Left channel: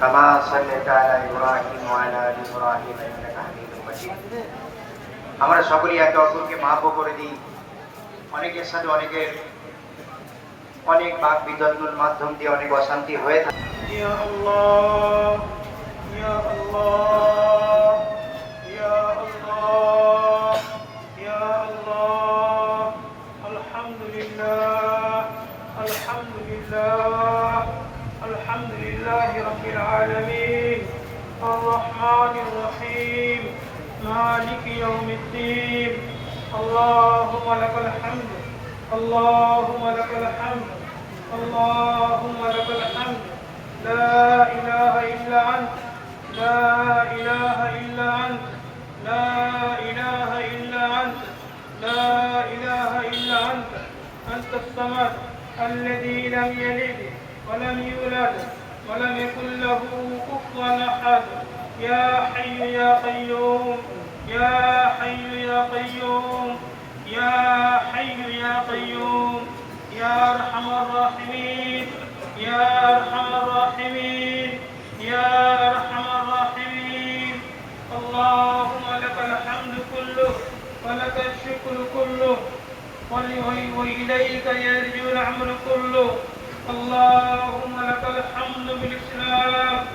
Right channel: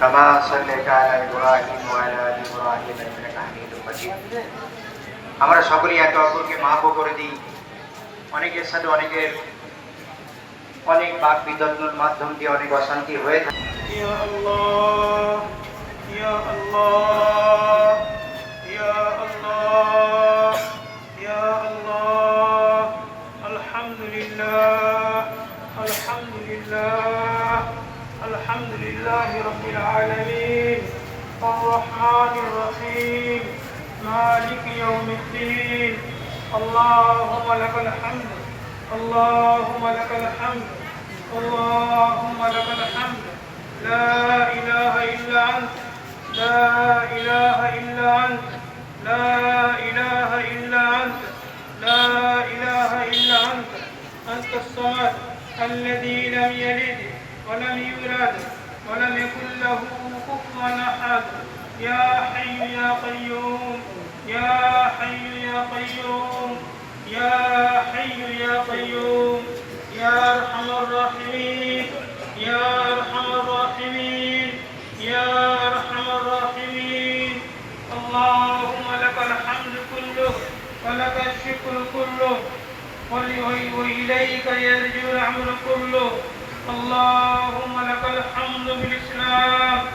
كما صليت على ابراهيم وعلى ال ابراهيم انك حميد مجيد আমরা সকলেই একে অপরকে মাফ করে দিই অনেকের সাথে অনেকের অনেক বাক বিতর্কের মাধ্যম দিয়ে অনেক অশান্তি হয়ে থাকে يا الله لله رب العالمين. الرحمن الرحيم. مالك يوم الدين. اللهم لك الحمد. اللهم لك الحمد. اللهم لك الحمد. لا إله إلا أنت. لا إله إلا أنت. لا إله إلا أنت. لا إله إلا أنت. أنت الصمد الذي لم يلد ولم يولد. ولم يكن له كفوا أحد. يا حي يا قيوم يا حي يا قيوم يا حي يا قيوم يا أرحم الراحمين يا أرحم الراحمين يا أرحم الراحمين. اللهم لك الحمد كله ولك الشكر كله وإليك يرجع الأمر كله. اللهم لك الحمد بالإسلام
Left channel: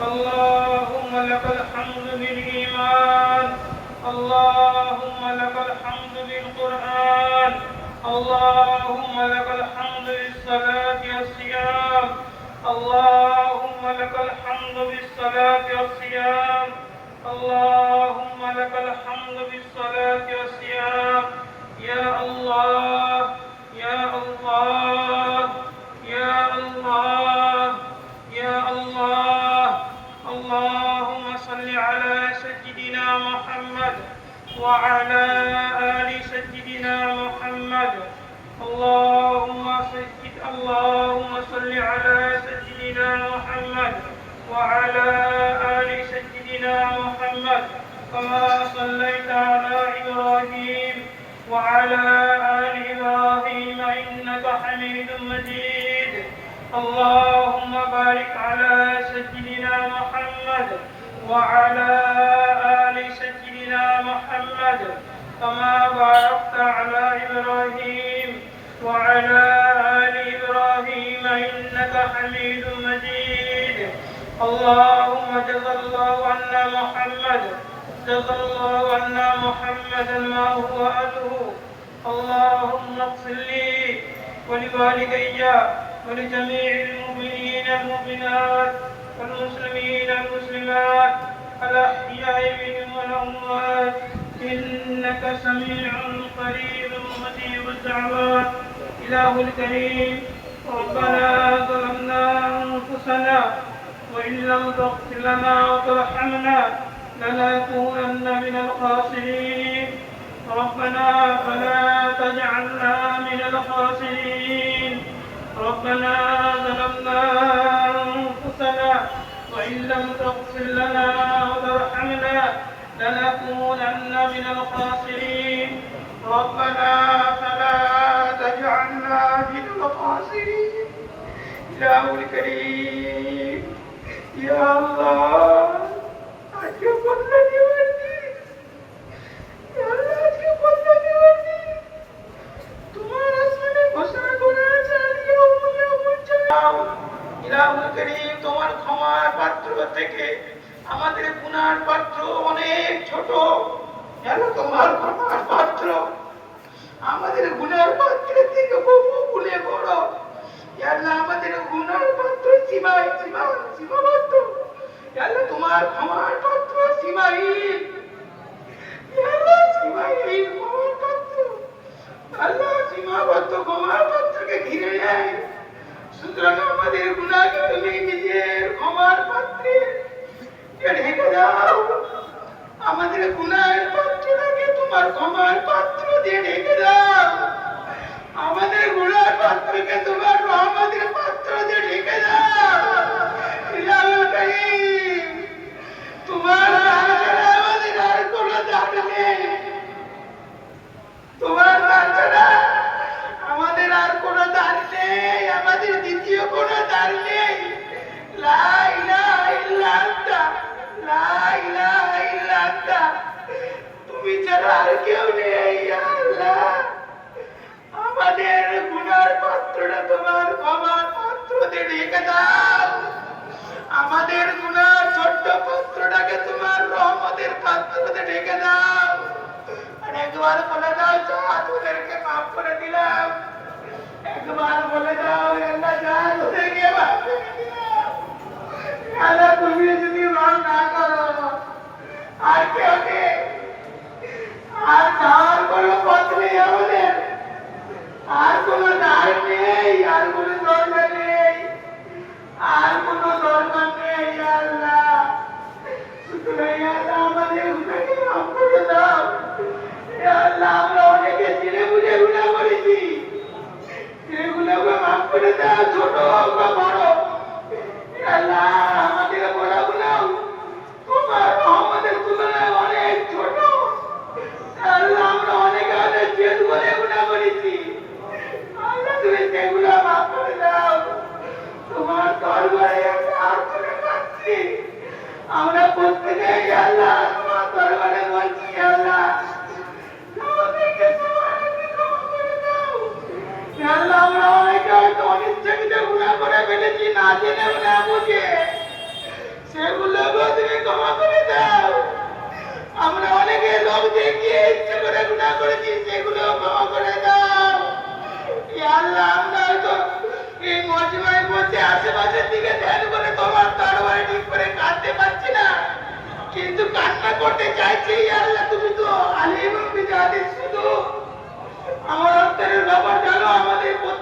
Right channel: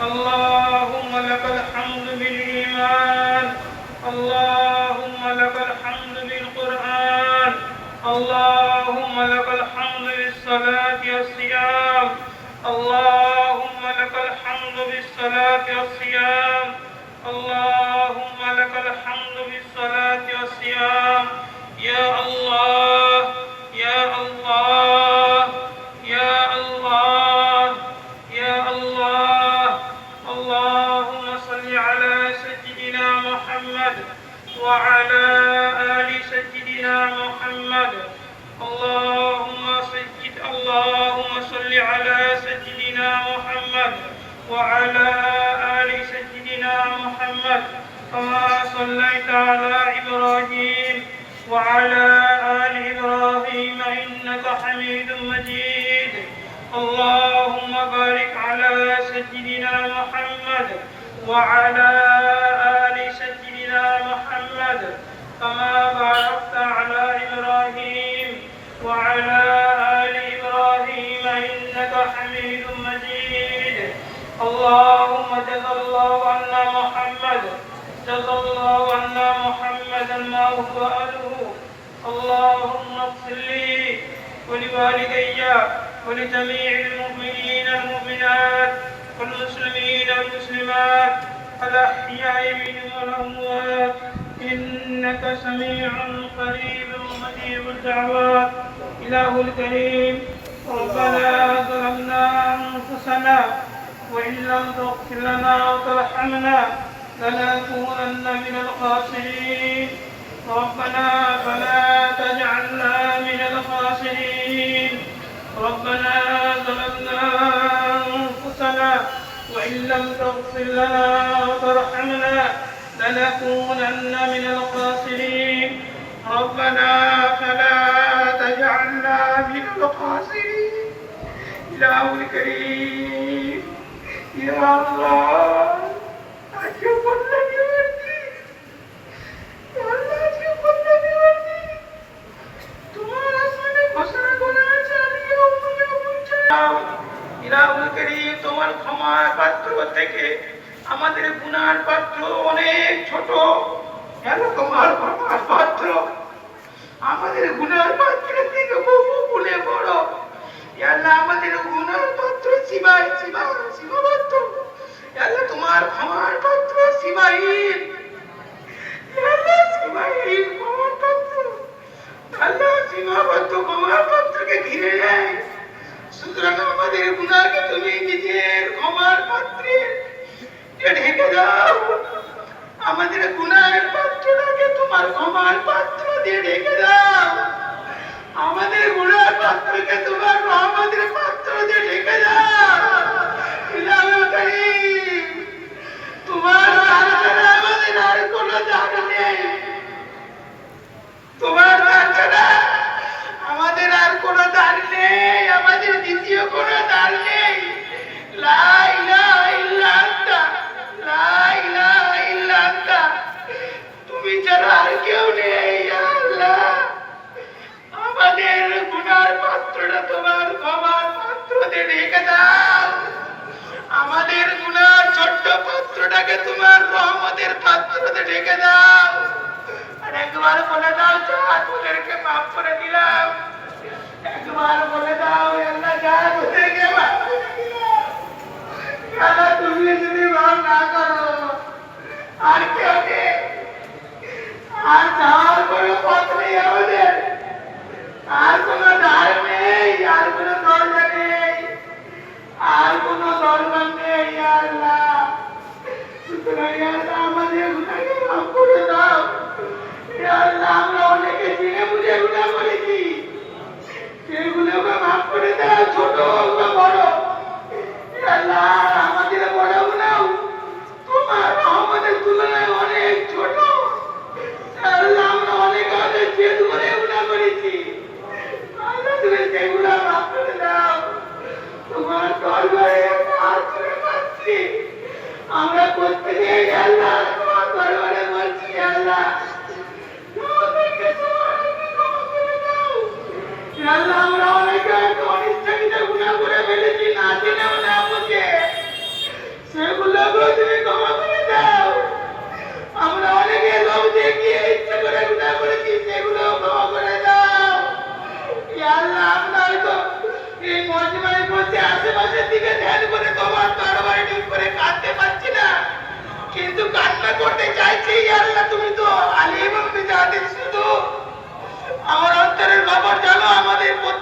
اللهم لك الحمد بالإيمان اللهم لك الحمد بالقرآن اللهم لك الحمد بالصلاة والصيام اللهم لك الحمد بالصلاة والصيام اللهم لك الحمد بالصلاة والصيام. يا الله وعلى آل سيدنا محمد. اللهم سجد اللهم صل على سيدنا محمد وعلى آل سيدنا محمد. كما صليت على إبراهيم وعلى آل إبراهيم إنك حميد مجيد. اللهم بارك على سيدنا محمد وعلى آل سيدنا محمد كما باركت على إبراهيم وعلى آل إبراهيم إنك حميد مجيد. اللهم جزا الله عنا محمد جزا الله عنا محمدا ما هو أهله. اللهم اغفر لي ولوالدي ولجميع المؤمنين المؤمنات والمسلمين المسلمات الأحياء منهم والأموات إنك سميع قريب مجيب الدعوات إله الكريم ربنا ظلمنا أنفسنا وإن لم تغفر لنا وترحمنا لنكونن من الخاسرين ربنا فلا تجعلنا من الخاسرين ربنا ظلمنا أنفسنا وإن لم تغفر لنا وترحمنا لنكونن من الخاسرين. ربنا فلا تجعلنا من الخاسرين. إله الكريم. يا الله أجب الذي তুমি ছাড়া আর কেউ নেই, আল্লাহ। আমাদের গুনার পাত্রটা তোমার ক্ষমার পাত্রতে রেখে দাও। আমাদের গুনার ছোট্ট পাত্রটাকে তোমার রহমতের পাত্রতে রেখে দাও। আর একবার বলে দাও, যা তোদেরকে মাফ করে দিলাম। একবার বলে দাও মাফ করে দিলাম আল্লাহ তুমি যদি মাফ না করো, আর কেউ আর যাওয়ার কোনো পথ নেই আমাদের, আর কোনো দ্বার নেই, আর কোনো দরজা নেই, আর কোনো দরকার নেই, আল্লাহ। আমাদের গুনাহকে মাফ করে দাও। আল্লাহ আমরা অনেকে চিনে বুঝে গুনাহ করেছি। গুনাহকে মাফ করে দাও ছোট বড়। আল্লাহ।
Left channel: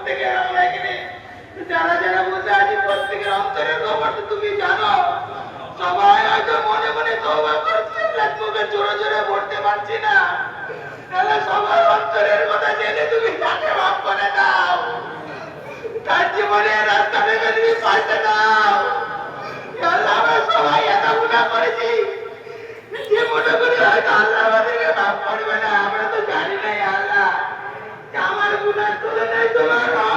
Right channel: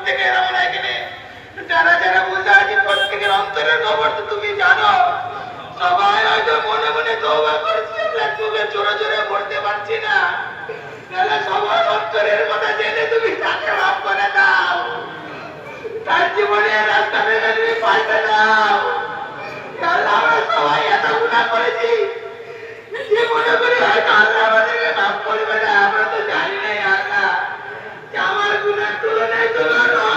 প্রত্যেকের আমরা এখানে। যারা যারা বসে আছি প্রত্যেকের অন্তরের খবর তো তুমি জানো। সবাই হয়তো মনে মনে তওবা করছে চোখে জোরে জোরে পড়তে পারছি করে দাও। তার জীবনে রাস্তা দাও। সবাই করেছি। আল্লাহ আমাদেরকে করবে না, আমরা Yeah.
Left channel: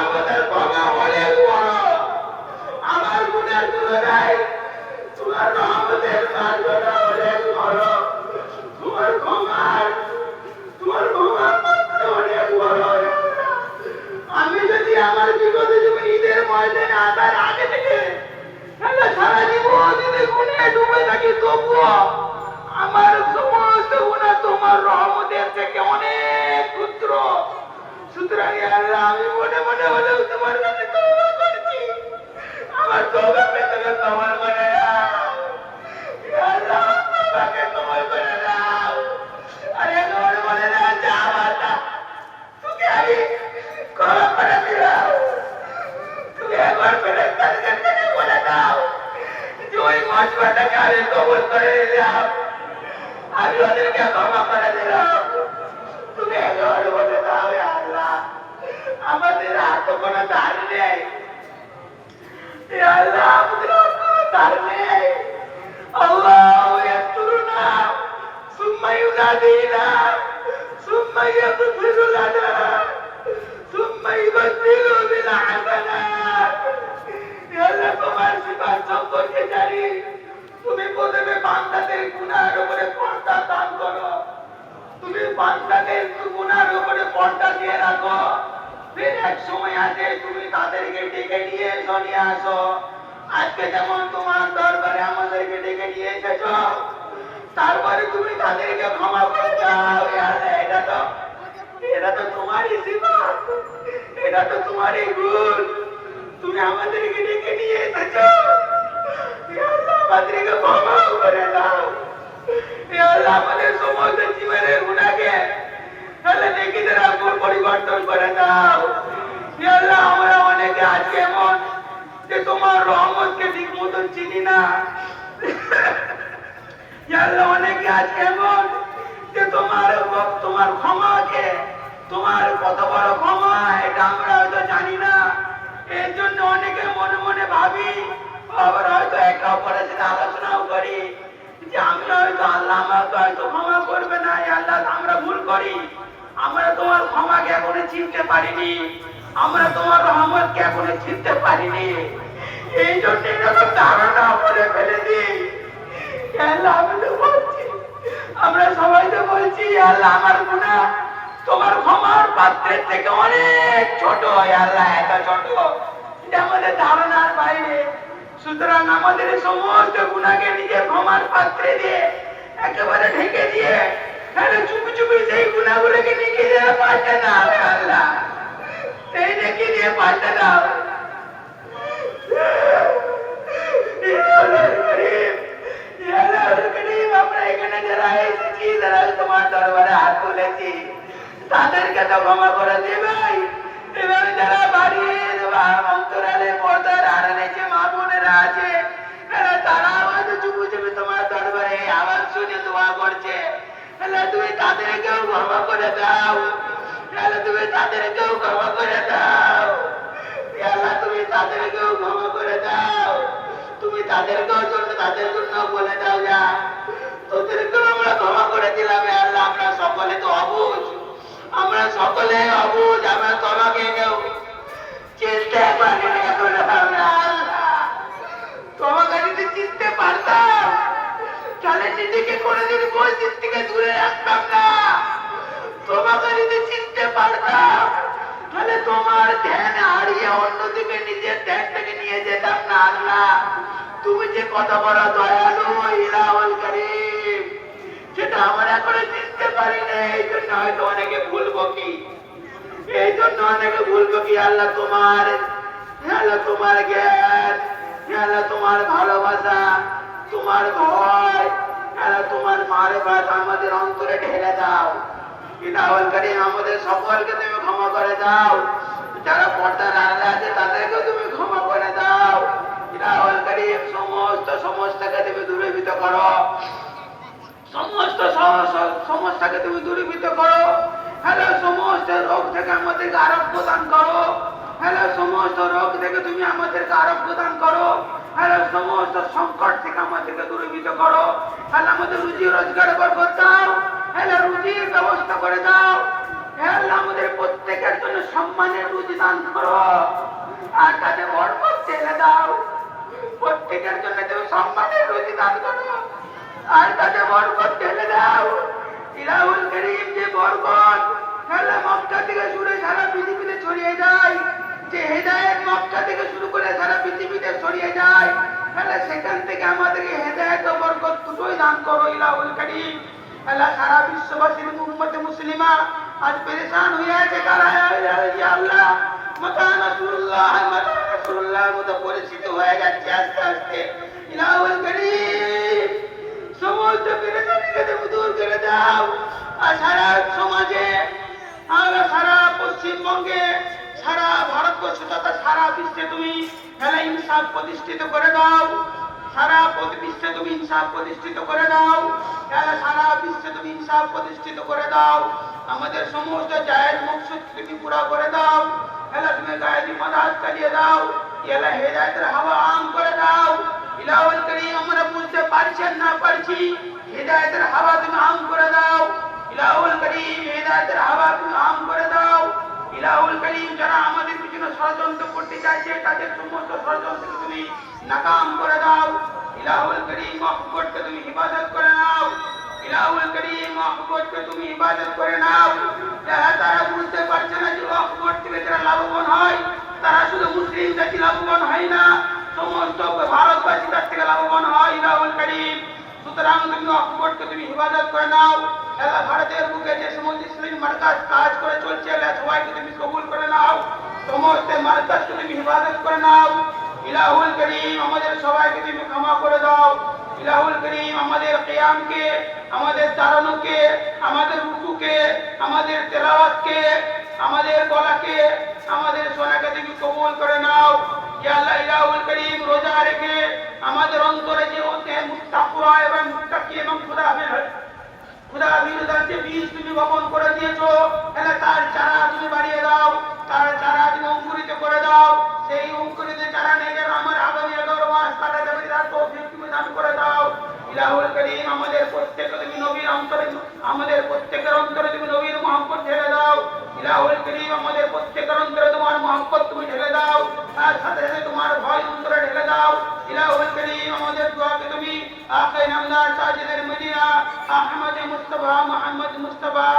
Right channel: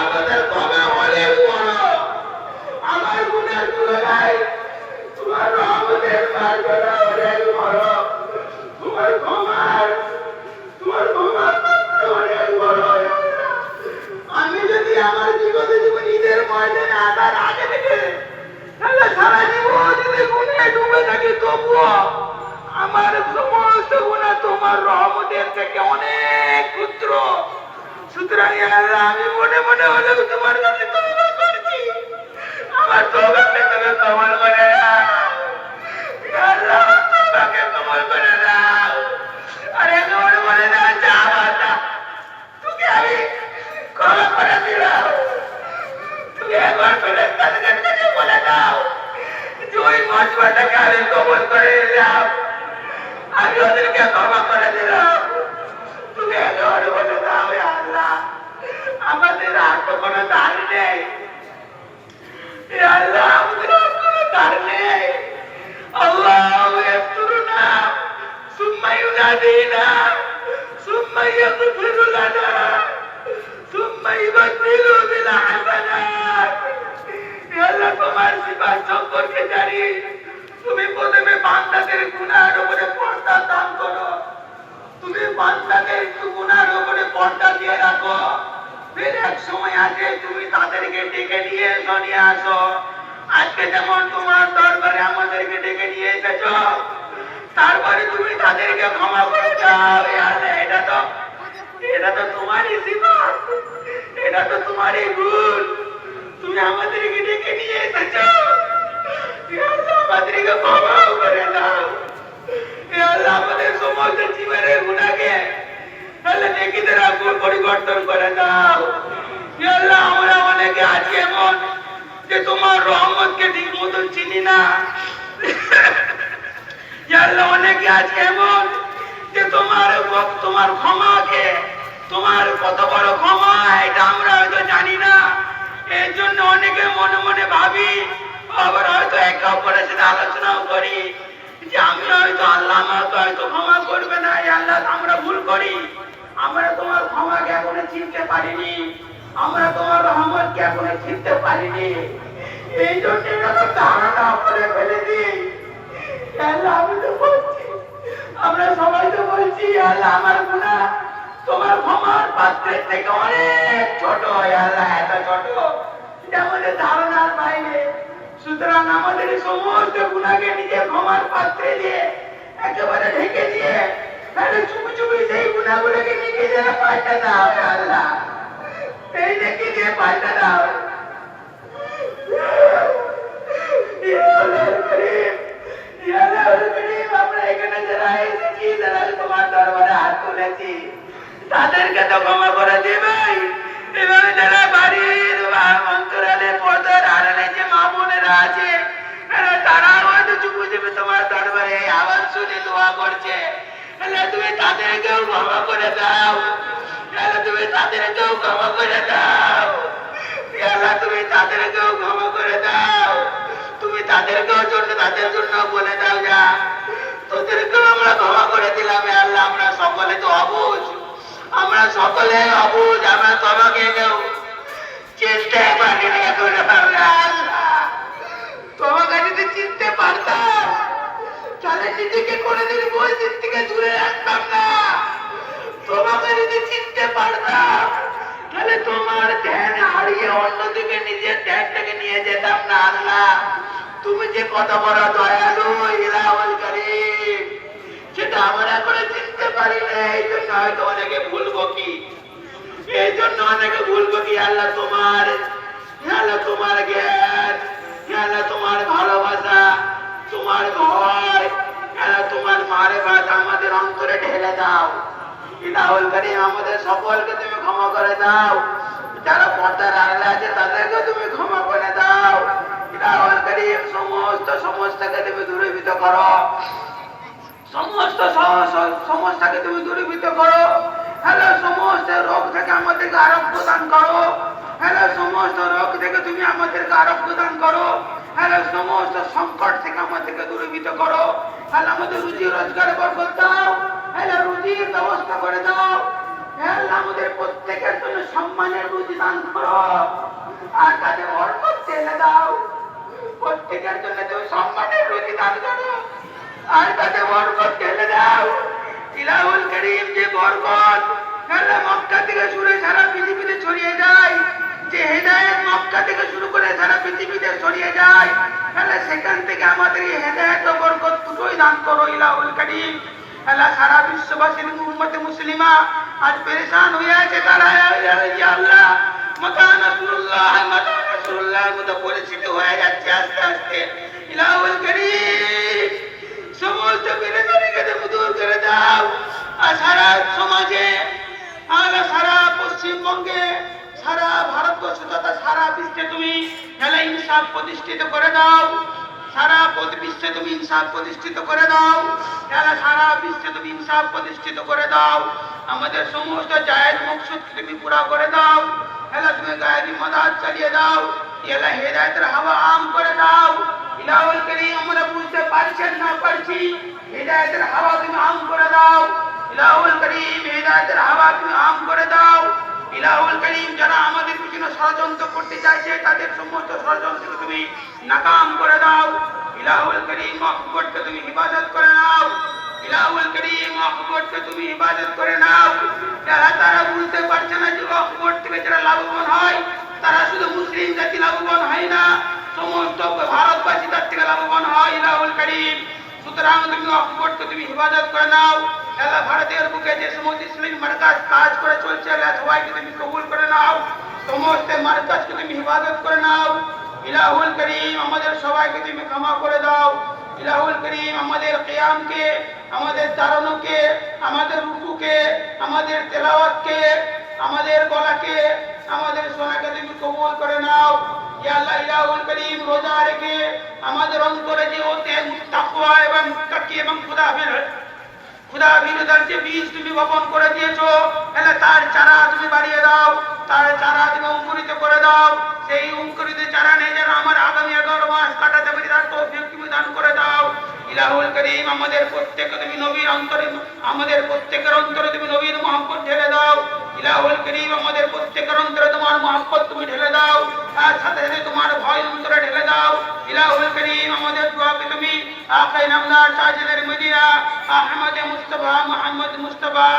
সুতরাং ইয়া আল্লাহ আমি মনে মনে হলেও তোমার কাছে তওবা করছি আমার তওবাকে তুমি কবল করে নাও ইয়া আল্লাহ আমার তওবাকে কবল করে নাও আরে কবল করে নাও যা বাতা তোকে আমি ক্ষমা করে দিলাম তুমি একবার করে তাদেরকে বলে দাও যে ওই মজবাটাকে আমি কবল করে নিলাম আমি ওদেরকে ক্ষমা করে দিলাম আমাদের আর তো কোনো ধার নেই। আল্লাহ, আমাদের আর কোনো ধার নেই। আল্লাহ ইয়াসুরুনা সুম্মা ইউনাদিনা, সুম্মা ইয়াগফিরু লানা, সুম্মা ইউবাদদিলু বিল হাসানাত আল্লাহ, তোমার সিফাত সম্পর্কে জানি। তুমি প্রথমে বান্দাদের গুনার উপরে পর্দা দান করো। তুমি বান্দাদের গুনার উপরে পর্দা দিয়ে রাখো। ফির এক সময় আছে, তুমি তাদেরকে ডেকে নিয়ে এসো, নিয়ে আসো। আজকে যেমন তোমার দরবারে আমাদেরকে ডেকে নিয়ে তারপরে তুমি তাদেরকে ক্ষমা করে দাও। এটা তো এটা তো তোমারই সিফাত এটা তো তোমারই ভুল। তুমি আমাদেরকে ডেকে নিয়ে আমাদেরকে ক্ষমা করে দাও। আমাদের সমস্ত জীবনের গুণাকে তাহলে নেকিদের আগুন পরিবর্তন করে দাও। তোমার রহমতকে ঠিক মতন চিনি না। অনেকে আছে এমন যে তোমার তোমার ক্ষমাকে, তোমার কত বড় ক্ষমা, এটা আমরা হয়তো জানি না। এর জন্য অনেকে মনে মনে ভাবি, আবার হয়তো একে অপরের সাথে আলোচনাও করি, যে আমি হয়তো আল্লাহ আমাকে হয়তো ক্ষমা করবে না আল্লাহ, আমরা ভুল করি। আমরা তোমার ক্ষমাকে এখনও চিনতে পারিনি। আমরা তোমার রহমতকে এখনও চিনতে পারিনি। এই জন্য এটা ধারণা করে ফেলেছি আমি তো বলছি আমরা সবাই তো বলছি আল্লাহ আমার গুণা তোমার ক্ষমার পাত্রের থেকে অনেক ছোট আল্লাহ এত ছোট এটা আমাদের ধারণার বাইরে সুতরাং আমাদের সমস্ত গুণাকে নিজের ক্ষমার পাত্রে দিয়ে একেবারে ঢেকে দিয়ে তাহলে চুপি চুপি সেই গুণাগুলোকে ঢেকে দিয়ে পাল্টে দাও আল্লাহ সেই ঢেকে দিয়ে পাল্টে দাও ইয়া আল্লাহর করিম, ইয়া আল্লাহর করিম, আমরা এখানে যারা এসেছি, যারা তোমার দরবারে হাত তুলেছি, তাদেরকে তো ক্ষমা করে দেবে। এবং যারা বাড়ির অন্তরালে পর্দার আড়ালে যে মা বোনেরা আছে তারা হয়তো চুপি চুপি তোমার দরবারে শুনে দোয়া করছে। তুমি তাদেরকেও ক্ষমা করে দাও। তুমি তাদেরকেও ক্ষমা করে দাও। তুমি তাদেরকেও ক্ষমা করে দাও। তুমি তাদেরকেও জন্য তাদের জন্য বলে দাও যা। তোদেরকেও আমরা ক্ষমা করে দিলাম হে আল্লাহ আমরা সকলে তো অবুঝ আমরা সকলে অবুঝ আমরা তোমাকে পারিনি এখন আল্লাহ তোমাকে যদি চিনতে পারতাম, তাহলে নিজেকে কোনোদিন মসজিদ থেকে দূরে রাখতাম না। তোমাকে যদি চিনতে পারতাম, তাহলে তোমার ধ্যান হারিয়ে অন্যদিকে নিজের ধ্যানটাকে নিয়ে যেতাম না, আল্লাহ। তুমি যে কত বড় দয়ালু, ইলাহুল করিম। সেটা আমরা এখনও চিনতে পারি না। এই জন্য হয়তো অনেকে ভুলবো কি? এই জন্য অনেকে ভুলবো কি? আল্লাহ তোমার আল্লাহ তোমার জ্ঞান, আল্লাহ তোমার ভালোবাসা, তোমার ভয়, আল্লাহ তোমার মারে বাসা আমাদের অন্তরে ঢেলে দাও। ইলাহুল করিম আমাদের সকলকে তুমি ক্ষমা করে দাও। যারা পর্দার আড়ালে আছে তাদেরকে তুমি ক্ষমা করে দাও। ইলাহুল করিম সমস্ত সমস্যাকে তুমি দূরীভূত করো। সমস্ত সমস্যাকে তুমি দূরীভূত করো। হ্যালো, সমস্ত রোগ থেকে আমাদেরকে আরোগ্য দান করো। হ্যালো, সমস্ত রোগ থেকে তুমি আমাদেরকে আরোগ্য দান করো। হ্যালো, সমস্ত সংকট থেকে আমাদেরকে দূরীভূত করো। হ্যালো আমাদের রুজি রোজগার বরকত দাও। হ্যালো, রুজির ব্যবস্থা করে দাও। হ্যালো, আমাদের প্রত্যেকের জন্য সম্মানের রুজি দান করো। আর তাতে বরকত ঢেলে দাও। প্রত্যেকের জন্য তুমি সম্মানের রুজি দান করো। আর ইলাহুল থেকে শুরু হেদায়েত করে সেখান থেকে আমাদের দুটোই দান করো ইলাহুল করিম। সারা বিশ্ববাসীর উম্মতে মুসলিমা আজ পেরেশান হয়ে আছে তারা। আল্লাহ মাতা নাসরুল্লাহ মাতা নাসরুল্লাহর মতো পরিস্থিতি হয়ে যাচ্ছে আস্তে আস্তে। ইলাহুল করিম সমস্ত বিরোধীকে তুমি দাও। আর সমাজে, আর সারা পশ্চিমবঙ্গে, সারা ভারতবর্ষ তথা সারা বিশ্বে তুমি খেলা ইনসাফ প্রতিষ্ঠিত করে দাও। সারা বিশ্বে তুমি ইনসাফ প্রতিষ্ঠিত করে দাও। খেলা সারা বিশ্বে তুমি ইনসাফ প্রতিষ্ঠিত করে দাও। আমাদের সমস্ত জায়েজ মকসুদ তুমি করে দাও। খেলা তুমি গায়েবী মদাত চালিয়ে দাও। এলা হেদায়তের হাওয়া আম করে দাও। ইলাহুল করিম আমরা বুঝতে পারছি না পারছি হেদায়েতের হাওয়া তুমি আম করে দাও। ইলাহুল করিম হেদায়েতের হাওয়া তুমি আম করে দাও। ইলাহুল করিম যারা আমাদের পিছনে ষড়যন্ত্র করতে চাইছে, তাদের সমস্ত ষড়যন্ত্রকে তুমি নাকাম করে দাও। ইলাহুল করিম করতে তুমি হিফাজত করে নাও। ইলাহুল করিম করতে তুমি হিফাজত করে নাও। যারা তারা বুঝতে পারছে না যে করতে থেকে যারা লাভবান হয়, তারা শুধু মুসলিম জাতি লাভবান হয় না। সমস্ত ভারতবাসী তার থেকে লাভবান হয় ইলাহুল করিম। সুতরাং তুমি করতে, তুমি হিফাজত করে নাও। আল্লাহ ভারতের বুকে যে সমস্ত ইসলামী মার্কাজ কাজ করে চলছে আল্লাহ সবাইকে তুমি কবুল করে নাও। সমস্ত মার্কাজকে তুমি হিফাজত করে নাও। ইলাহুল করিম, আমাদের সবাইকে তুমি ক্ষমা করে দাও। ইলাহুল করিম, আমাদের কিয়ামকে আমাদের দাঁড়ানোকে আমাদের রুকুকে, আমাদের তেলাওয়াতকে, আমাদের গলাকে, আমাদের সোনাকে তুমি কবুল করে নাও। আমাদের অন্তরে যে ওতে বীজ তুমি বপন করে দিয়েছ, তাহলে তার চারা তুমি বাড়িয়ে দাও, তার চারা তুমি অঙ্কুরিত করে দাও, সেই অঙ্কুরিত চারা নিয়ে যেন আমার আগামী এগারো কাটাতে পারি তুমি দান করে দাও। ইলাহুল করিম আমাদের প্রত্যেককে তুমি নবীর অন্তরে, আমাদের প্রত্যেকের অন্তরে তুমি নবীর মহব্বত ঢেলে দাও। ইলাহুল করিম আমাদের প্রত্যেকের অন্তরে তোমার মহব্বত তুমি ঢেলে দাও। তার সাথে সাথে তোমার ভয় অন্তরে ঢেলে দাও, ইলাহুল করিম আমাদের দোয়াকে তুমি আকাই নামদার সাজিদের Medina, Ahmad Mustafa Muhammad Mustafa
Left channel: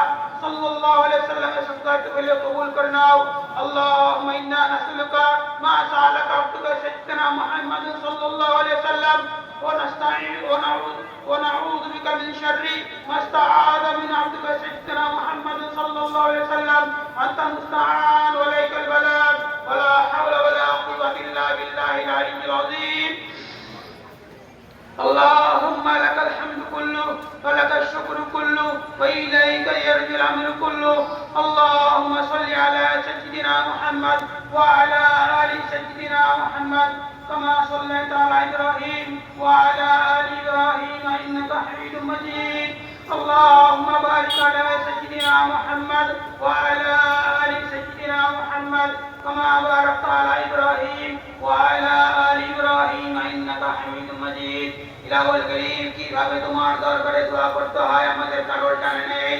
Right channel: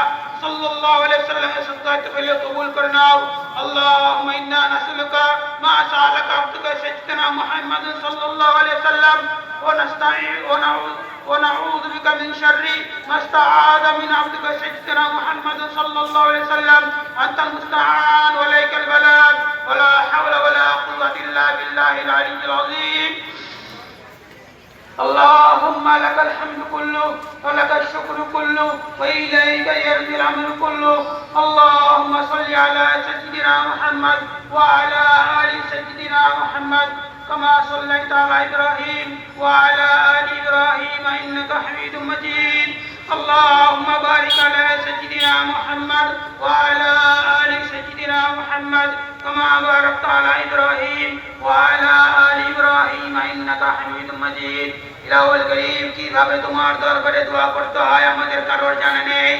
সাল্লাল্লাহু আলাইহি সাল্লামের সদাত পেলে কবুল করে নাও। আল্লাহুম্মা ইন্না নাসআলুকা মা সালাকা আবদুকা সাইয়্যিদানা মুহাম্মদ সাল্লাল্লাহু আলাইহি সাল্লাম ওয়া নাস্তাঈন ওয়া নাউযু ونعوذ بك من شر ما استعاذ من عبدك سيدنا محمد صلى الله عليه وسلم انت المستعان واليك البلاغ ولا حول ولا قوه الا بالله العلي العظيم اللهم لك الحمد كله ولك الشكر كله وإليك يرجع الأمر كله اللهم صل على سيدنا محمد وعلى آل سيدنا محمد كما صليت على إبراهيم وعلى آل إبراهيم إنك حميد مجيد اللهم بارك على سيدنا محمد وعلى آل سيدنا محمد كما باركت على إبراهيم وعلى آل إبراهيم إنك حميد مجيد ইলাহুল করিম কিভাবে তোমার দরবারে দোয়া করতে হয় আমাদের কারোর জানা নেই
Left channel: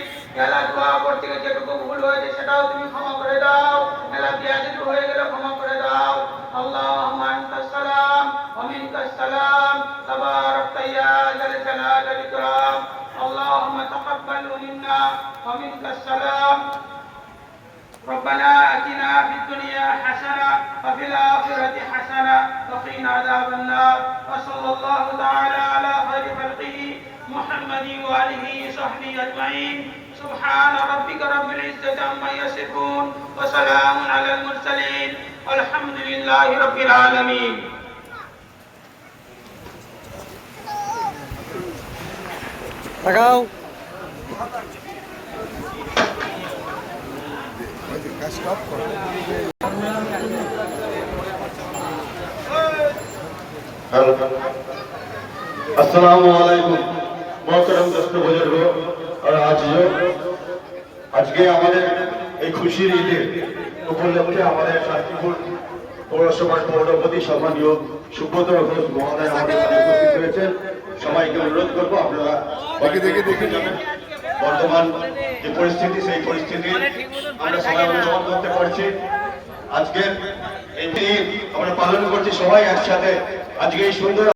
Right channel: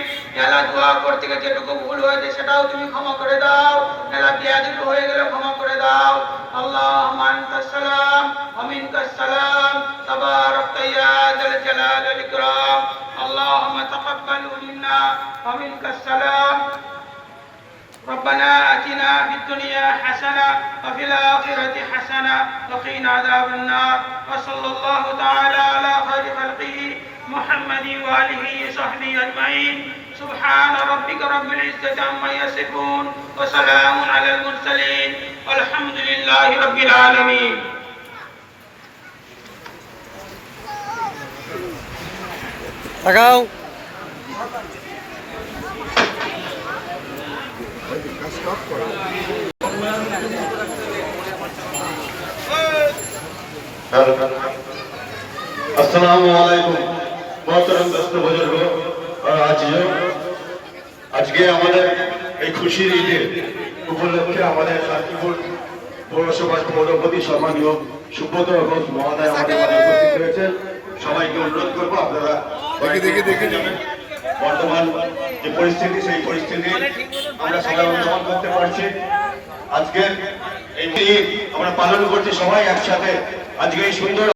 এলা দোয়া করতে গিয়ে যেটুকু ভুল হয়েছে সেটাও তুমি ক্ষমা করে দাও এলা বিয়াদিল হয়ে গেলে ক্ষমা করে দাও আল্লাহুম্মা আনতাস সালাম ওয়া মিনকাস সালাম তাবারাকতা ইয়া যাল জালাল ওয়াল ইকরাম আল্লাহুম্মা তাকাব্বাল মিন্না ওয়া মিনকাস সালাম ربنا آتنا في الدنيا حسنة وفي الآخرة حسنة وقنا عذاب النار وصلى الله تعالى على خير خلقه محمد وآله وصحبه أجمعين سبحان ربك رب العزة عما يصفون وسلام على المرسلين والحمد لله رب العالمين. তাকাও السلام عليكم. মোহতরম দোস্ত বুজুর্গ আজিও আজকে আমাদের এই খুশির ঈদের উপলক্ষে আমাদের শান্তিপুর পৌরসভার পৌরপতি সম্মানীয় সুব্রত ঘোষ মহোদয় আমাদের উপস্থিত হয়েছেন সবাইকে অনুরোধ করব আপনারা দেখে দেখে যাবেন বর্তমান যে পরিস্থিতি সেই পরিস্থিতি আমরা সবাই অনুসরণ করতে পারছি। আজকের এই ঈদ আমরা পালন করছি সবাই একসাথে। আজকে এই সুন্দর